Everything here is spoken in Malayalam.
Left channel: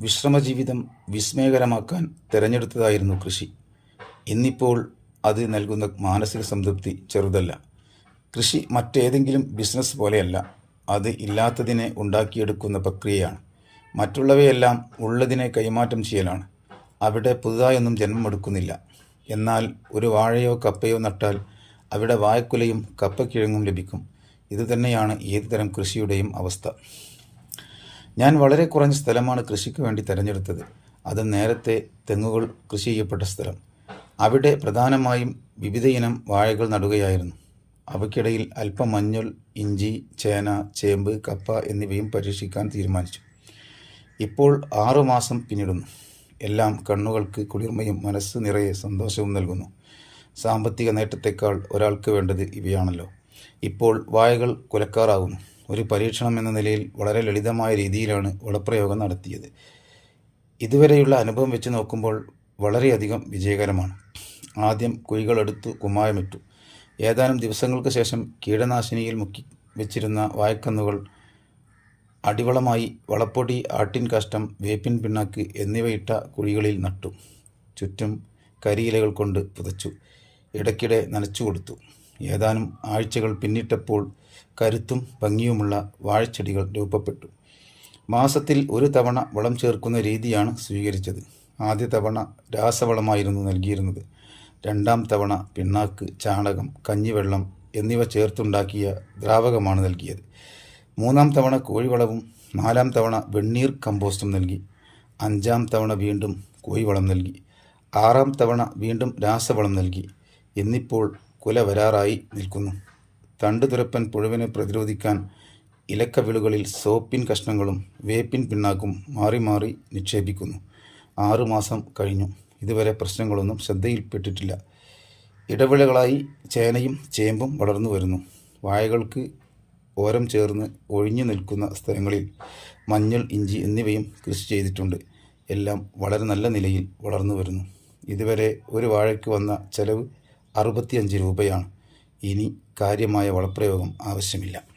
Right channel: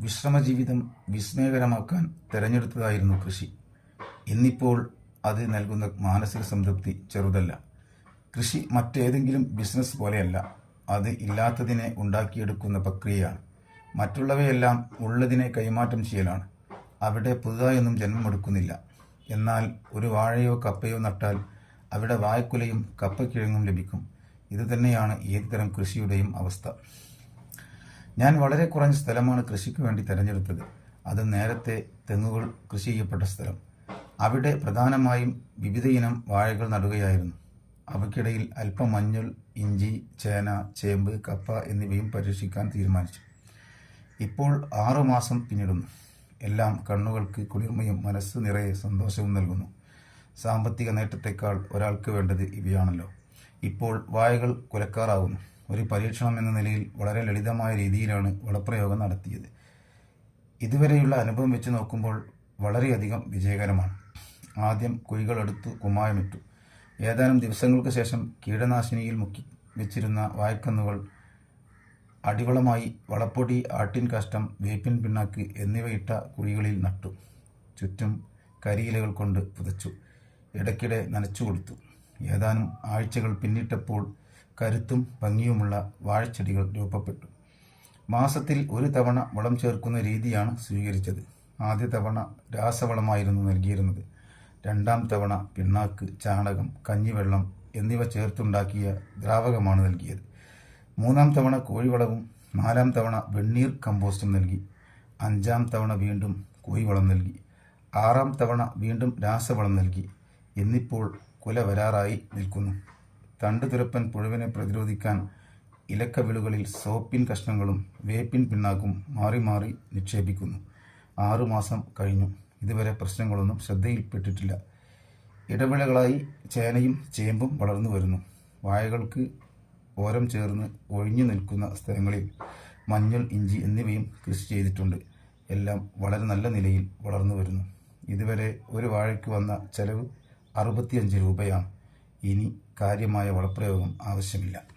വിശ്രമജീവിതം വിസ്മയകരമാക്കാൻ തിരഞ്ഞെടുത്തതായിരുന്നു കൃഷി. ഇന്നിപ്പോൾ അത് നൽകുന്ന മാനസിക സംതൃപ്തി ചെറുതല്ല. കൃഷി മറ്റേതെങ്കിലും ബിസിനസ് പോലെയല്ല. അത് ഇല്ലാത്തതിനെ ഉണ്ടാക്കിയെടുക്കുന്ന പ്രക്രിയയാണ്. മറ്റുള്ളവയെല്ലാം ഉള്ളതിനെ കൈമാറ്റം ചെയ്യലാണ്. അവിടെ പുതുതായൊന്നും ജന്മമെടുക്കുന്നില്ല എന്നാൽ ഒരു വാഴയോ കപ്പയോ നട്ടാൽ അവിടെ വായക്കുലയും കപ്പക്കിഴങ്ങും ലഭിക്കും. ഇതുതന്നെയാണ് ഏതുതരം കൃഷിയുടെയും അവസ്ഥ. ഞാൻ വളരെ കുറഞ്ഞ സ്ഥലമാണ് കൃഷിക്ക് വേണ്ടി തിരഞ്ഞെടുത്തത്. അത് നേരത്തെ തെങ്ങുകൾ കൃഷി ചെയ്യപ്പെട്ട സ്ഥലം. അവിടെ പ്രധാനമായും വിവിധ ഇനം വാഴകൾ നടുകയായിരുന്നു. അവയ്ക്കിടയിൽ അല്പം മഞ്ഞൾ ഇഞ്ചി ചേന ചേമ്പ് കപ്പ എന്നിവയും പരീക്ഷിക്കാൻ തീരുമാനിച്ചു. ഇപ്പോൾ ആറുമാസം പിന്നിടുന്നു. എല്ലാം കണ്ണുകൾക്ക് കുളിർമയും മനസ്സ് നിറയെ സന്തോഷവും നൽകുന്നു. സാമ്പത്തിക നേട്ടത്തെക്കാൾ ഒരാൾക്ക് വേണ്ടത് ഇവയാണല്ലോ. ഇപ്പോൾ വായകൾ കുലക്കാറാകുന്നു. ഒരു പരീക്ഷണം എന്ന നിലയിൽ വളരെ ലളിതമായ രീതിയിലാണ് വളപ്രയോഗം നടത്തിയത്. ഇതുവരെയുള്ള അനുഭവം വെച്ച് നോക്കുമ്പോൾ വളരെയധികം വിജയകരമാണ്. ആദ്യം കുഴികളെടുത്തു കുമ്മായമിട്ടു. ഏതാനും ദിവസങ്ങൾക്ക് ശേഷം കീടനാശിനിയിൽ മുക്കി വെച്ചിരുന്ന വായക്കന്നുകൾ അടിവളമായി വളപ്പൊടി ആട്ടിൻ കാഷ്ടം വേപ്പിൻ പിണ്ണാക്ക് എന്നിവയിട്ട കുഴികളിൽ നട്ടു. ചുറ്റും കരിയിലകൾ കൊണ്ട് പുതച്ചു. ഇടയ്ക്കിടെ നനച്ചു കൊടുത്തു. ഏതാനും ആഴ്ചകൾ പിന്നിട്ടപ്പോൾ കരുത്തും ഭംഗിയുമുള്ള വാഴച്ചെടികൾ രൂപപ്പെട്ടു. മാസത്തിൽ ഒരു തവണ വളം ചേർക്കുന്ന രീതിയാണ് സ്വീകരിച്ചത്. ആദ്യ തവണ രാസവളമായിരുന്നു നൽകിയിരുന്നത്. രണ്ടാം തവണ പിണ്ണാക്ക് ചാണകം കഞ്ഞിവെള്ളം എന്നിവ ചേർത്തുണ്ടാക്കിയ ദ്രാവകമാണ് നൽകിയത്. മൂന്നാം തവണ കോഴിവളവും നാലാം തവണ വെണ്ണീർ കമ്പോസ്റ്റും നൽകി. അഞ്ചാം തവണ വീണ്ടും കോഴിവളം നൽകി. ആറാം തവണ വീണ്ടും രാസവളം നൽകി. എന്നിപ്പോൾ കുല വരാറായി നിൽക്കുന്നു. തണ്ടുതുരപ്പൻ പുഴുവിനെ പ്രതിരോധിക്കാൻ ഇലക്കവിളുകളിൽ സോപ്പിൻ കഷ്ണങ്ങളും വേപ്പിൻ പിണ്ണാക്കും മാറി മാറി നിക്ഷേപിക്കുന്നു. ആറുമാസം കഴിഞ്ഞു. ഇതുവരെ പ്രശ്നങ്ങളൊന്നും ശ്രദ്ധയിൽപ്പെട്ടിട്ടില്ല. ഇടവിളകളായി ചേനയും ചേമ്പും വളർന്നു വരുന്നു. വാഴകൾക്ക് ഓരം ചേർന്ന് ഒഴിഞ്ഞു നിൽക്കുന്ന സ്ഥലങ്ങളിൽ മഞ്ഞൾ ഇഞ്ചി എന്നിവയും കൃഷി ചെയ്തിട്ടുണ്ട്. എല്ലാം വളരെ നല്ല നിലയിൽ വളർന്നു വരുന്നു. ഇതുവരെ ഒരു വാഴയ്ക്ക് വന്ന ചെലവ് അറുപത്തിയഞ്ച് രൂപയാണ്. ഇനി കാര്യമായ വളപ്രയോഗം ആവശ്യമില്ല.